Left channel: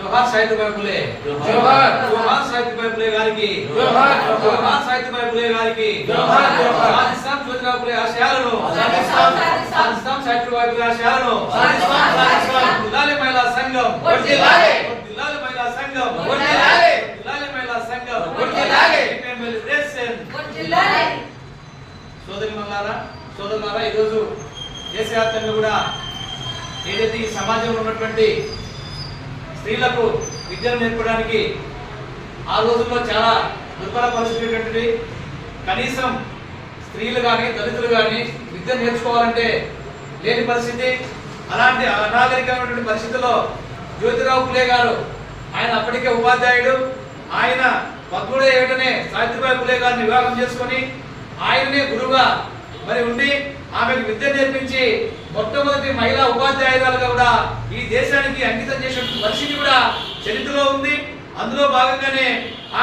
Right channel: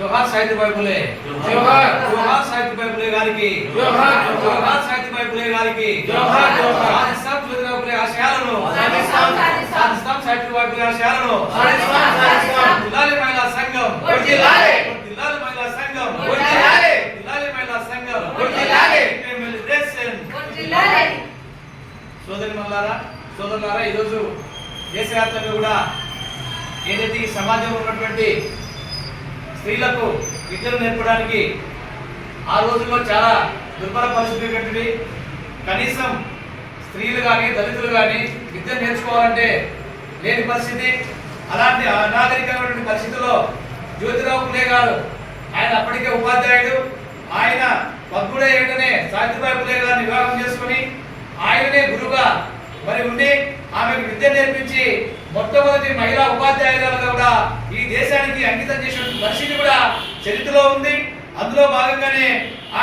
जोहार साहित्यबाई फुले जोहार जोहार साहित्यबाई फुले గారికి जोहार जोहार साहित्यबाई फुले గారికి जोहार जोहार సాధిస్తాం జ్యోతిరావు ఫులే ఆశయాలను సాధిస్తాం సాహిత్యబాయి ఫులే ఆశయాలను సాధిస్తాం జిల్లాల మహిళా సంఘం వర్ధిల్లాలి జిల్లాల మహిళా సంఘం వర్ధిల్లాలి జిల్లాల మహిళా సంఘం వర్ధిల్లాలి ఫీమేల్ రేషన్ వర్ధిల్లాలి సోదరులారా ఈ రోజు దేశవ్యాప్తంగా కూడా ఏదైతే ఈ సమాజంలో ఉన్నటువంటి స్త్రీలకు విద్యను నేర్పడానికి ఆ రోజుల్లో చాలా దుర్భర పరిస్థితి. కనీసం స్త్రీలు కానీ దళితులు కానీ విద్య నేర్చుకోవాలంటే లేని పరిస్థితి. అలాంటి అనాగరికమైనటువంటి పరిస్థితుల్లో జ్యోతిరావు ఫులే గారు, ఆయన అప్పటికే ఉపాధ్యాయుడు, ఆయన 13వ ఏటనే సావిత్రిబాయి ఫులే గారిని వివాహం చేసుకొని ఆయననే గురువుగా మరి ఉండి ఆమెకు విద్య నేర్పించి మొట్టమొదటి మహిళా ఉపాధ్యాయురాలుగా కూడా ఈ దేశానికి అంకితం చేసిన పరిస్థితి కూడా చరిత్రలో ఉంది. అందులో భాగంగానే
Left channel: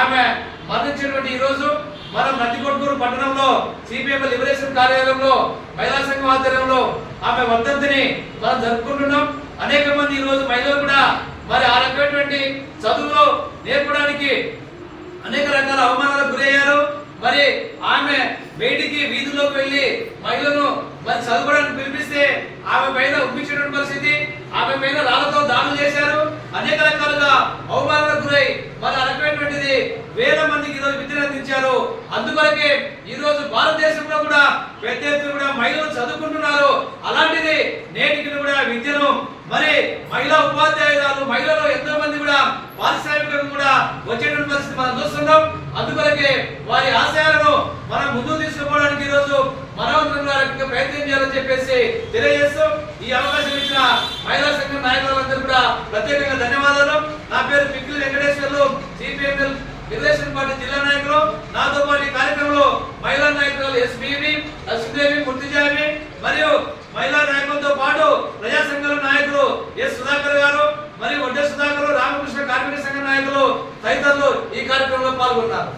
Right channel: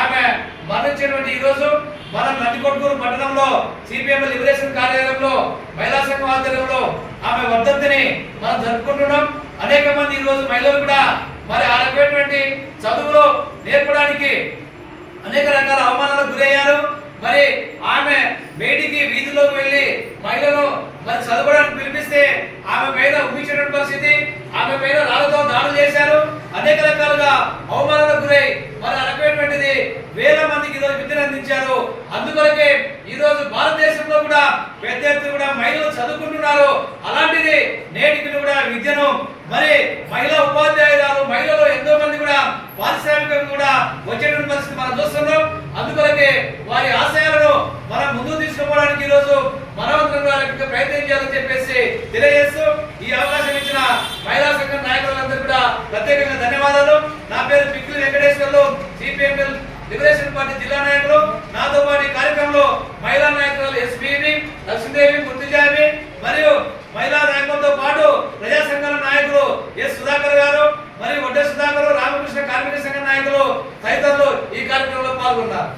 ఆమె మరణించినటువంటి ఈ రోజు మనం నందికొట్కూరు పట్టణంలో సిపిఎం లిబరేషన్ కార్యాలయంలో మహిళా సంఘం ఆధ్వర్యంలో ఆమె వర్ధంతిని మనం జరుపుకుంటున్నాం. అనేక మంది ఈ రోజు మహిళలు కూడా మరి ఆ రకమైనటువంటి చదువులో నేర్పడానికి అనేక రకాల అవమానాలకు గురయ్యారు. మరి ఆమె బయటికి వీధుల్లోకి వెళ్ళి మహిళను మరి చదువుకోవడానికి పిలిపిస్తే ఆమె పైన ఉమ్మించినటువంటి పరిస్థితి, ఆమె పైన రాళ్లతో దాడులు చేశారు. అనేక రకాలుగా అవమానాలకు గురై మరి ఆ రకమైనటువంటిది వేల మందికి ఈరోజు విద్యను అందించారు. అందుకొరకే ఈ రోజు భారతదేశంలో కూడా పెద్ద ఎత్తున కూడా మహిళలు చదువుకుంటున్నారు. అలాంటిది నేటికి కూడా విద్యను మరి మహిళా ఉపాధ్యాయురాలు మహిళలు ఎంతో మంది కూడా పారిశ్రామికంగా కూడా వచ్చేటువంటి పరిస్థితి మనం చూస్తున్నాం. అందుకొరకే వారి ఆశయాలను మనం ముందుకు తీసుకుపోవడానికి ఈ రోజు మనవంతంగా ప్రయత్నం చేయాలని చెప్పేసి తెలియజేస్తూ ఈ అవకాశం ఇచ్చిన మహిళా సంఘం నాయకులందరూ కూడా ప్రత్యేకంగా ధన్యవాదాలు. నా పేరు Pikkili Venkateswarlu, CPM liberation party జిల్లా నాయకులు. నాతో పాటు ఈ కార్యక్రమంలో మహిళా నాయకులు ఎస్బీవి, లక్ష్మీదేవి, ముర్తిజావి మరియు మహిళా నాయకులతో పాటు ప్రజా సంఘాల నాయకులు ఎస్ సుధాకర్ గారు మరియు వడ్డే సుధాకర్, రామకృష్ణ కార్మిక సంఘ నాయకులు తదితరులు ఈ కార్యక్రమంలో పాల్గొన్నారు.